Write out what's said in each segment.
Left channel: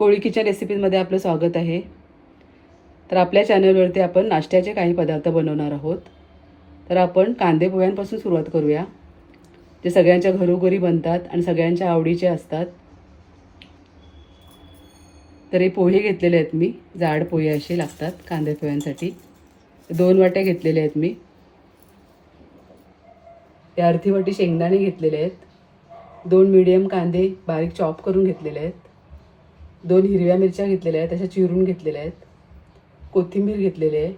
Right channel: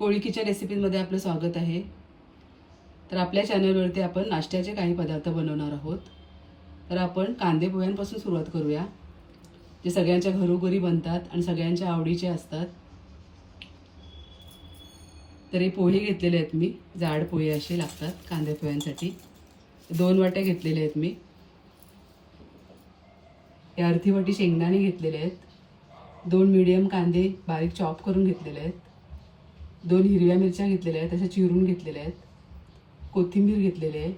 कोळी रेसिपीमध्ये आपलं स्वागत आहे. तर आपल्या चॅनलवरती आपण नाश्त्याचे काही पदार्थ बनवणार आहोत. तर आपण कांदे पोह्यांपासून सुरुवात करूया. जे सगळ्यांच्या घरोघरी बनतात आणि सगळ्यांच्या आवडीचे असतात. तर हे पोहे घेतलेले आहेत मी. जाड पोहे असे लागतात कांदे पोह्यांसाठी. दोन वाट्या घेतलेल्या आहेत मी. या अर्धी वाटी शेंगदाणे घेतलेले आहेत. दोन मिडियम कांदे बारीक चॉप करून घेतलेले आहेत. दोन हिरव्या मिरच्या घेतलेल्या आहेत तशा चिरून घेतलेल्या आहेत. कोथिंबीर घेतलेली आहे.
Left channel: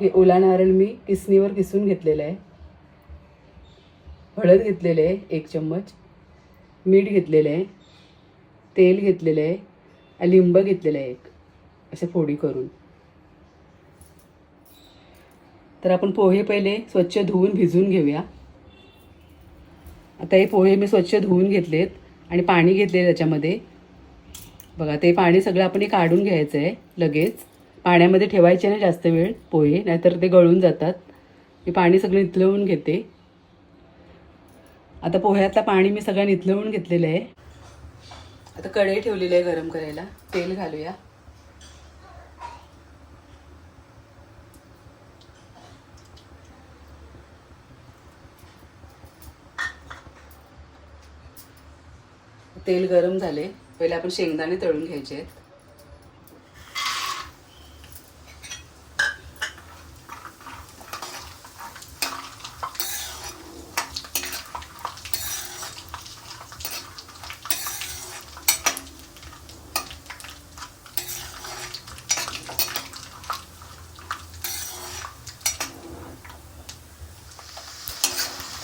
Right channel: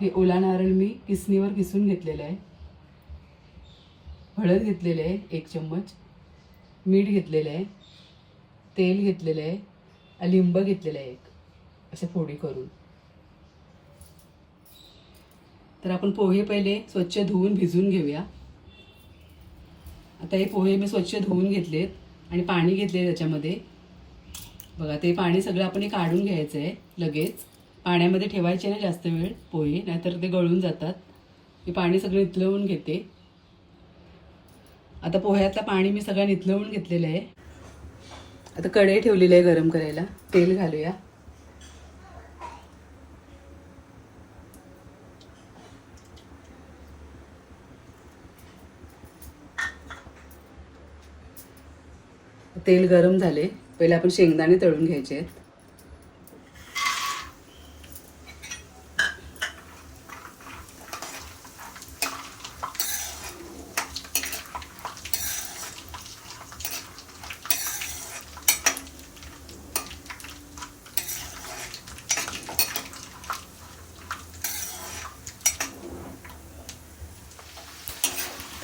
हे ओला नारळ मी किसणीवर किसून घेतलेलं आहे. हळद घेतलेले आहे एक चम्मच. मीठ घेतलेलं आहे. तेल घेतलेलं आहे. आणि लिंब घेतलेलं आहे एक. असे फोडी करून. तर आपण पोहे पहिले स्वच्छ धुवून भिजून घेऊया. आता हे पोहे मी स्वच्छ धुवून घेतलेत आणि पाणी घेतले त्याच्यामध्ये. बघा ते पाणी सगळं आपण काढून घ्यायचं आहे लगेच. पाण्यामध्ये ठेवायचे नाही जास्त वेळ पोहे नाहीतर ते गळून जातात. मी पाणी सगळं निथळवून घेते. आता पोह्यातलं पाणी मी सगळं निथळवून घेतलेलं आहे. आता कढई ठेवलेली आहे गरम करायला. तेल घालूया. तेल गरम झाले. पहिले आपण शेंगदाणे तळून घ्यायचे आहेत.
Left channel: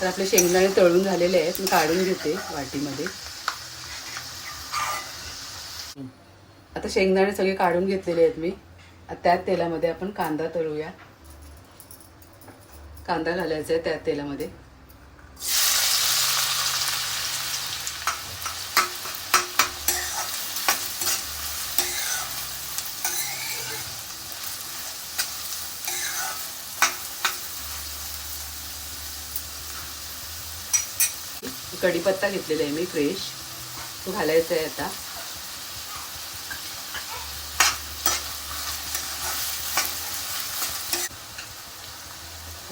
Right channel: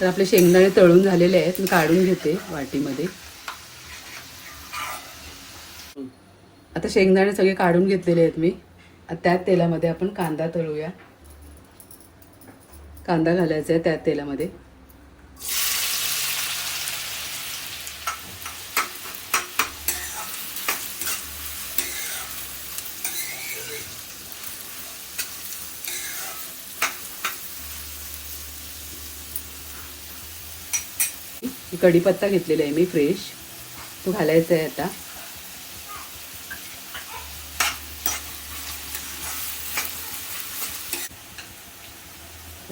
तर आपले शेंगदाणे तळून झालेले आहेत. मी काढून घेते वाटीमध्ये. आता शेंगदाणे सगळे काढून घेतलेले आहेत मी. त्या त्याच तेलामध्ये आपण कांदा तळूया. कांदा घालायचा आहे त्या तेलामध्ये. कढीपत्ता घेतलेला आहे मी फ्रेश. तो घालायचा आहे आता.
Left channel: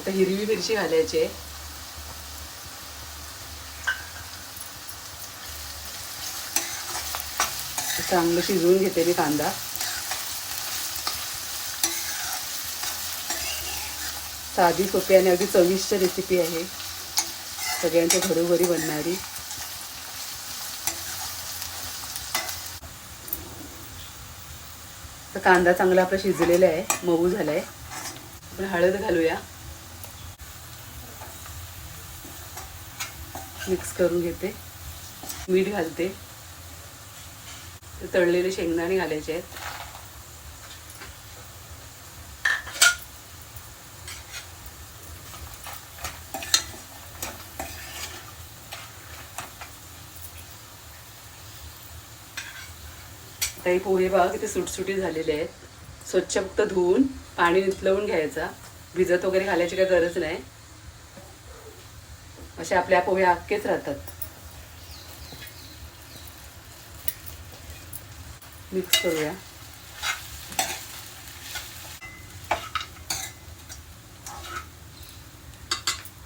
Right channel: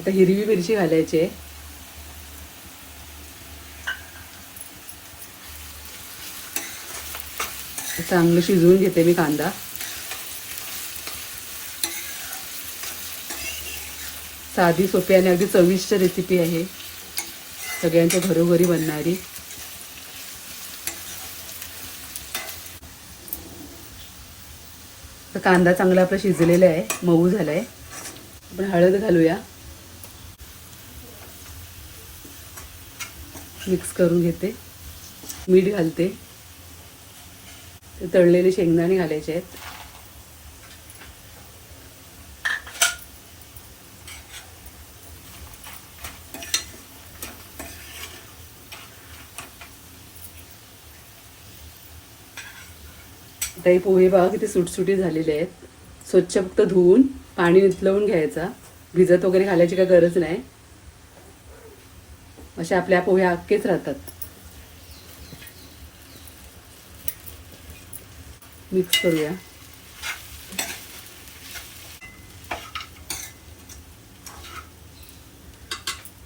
आता हिरवी मिरची घालायची आहे. चांगलं शिजवून घेते मी कांदा. साधी सोपी आणि अगदी चविष्ट रेसिपी आहे. सगळ्यांच्या घरोघरी बनणारी. तर कांदा चांगला आपला शिजलेला आहे. मऊ झालाय. आपण हळद घालूया. मिक्स करून घेते. मीठ घालते. तळलेले शेंगदाणे घालायचे आहेत. आता हे पोहे बघा किती सुटसुटी झालेले आहेत. स्वच्छ फक्त धुवून पाणी निथलवून घ्यायचा. भिजत वगैरे घालायची काही गरज नाही. अशा आपल्या पोहे अख्खेच राहतात. मिक्स करूया.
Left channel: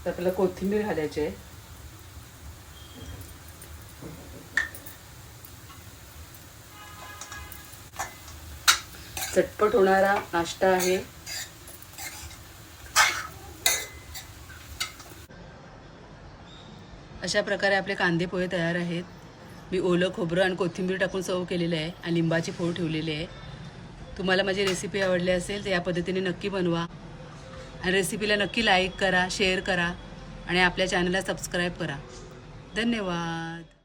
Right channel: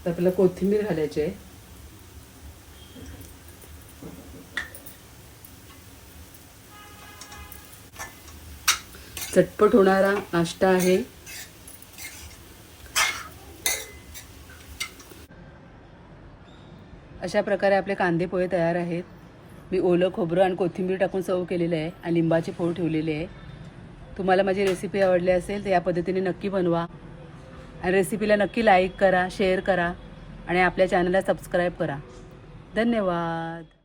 आपल्याला कोथिंबीर घालायची आहे. चटपट होणारा नाश्ता आहे. अशा प्रकारे आपले कांदे पोहे तयार आहेत. मी ओलं खोबरं आणि कोथिंबीर टाकून सर्व केलेलं आहे आणि लिंबाची फोड ठेवलेली आहे. तुम्हाला माझी रेसिपी आवडली असेल तर या पद्धतीने नक्की बनवा. आणि रेसिपीला नक्की लाईक करा शेअर करा आणि आपल्या चॅनलला सबस्क्राईब करा. धन्यवाद.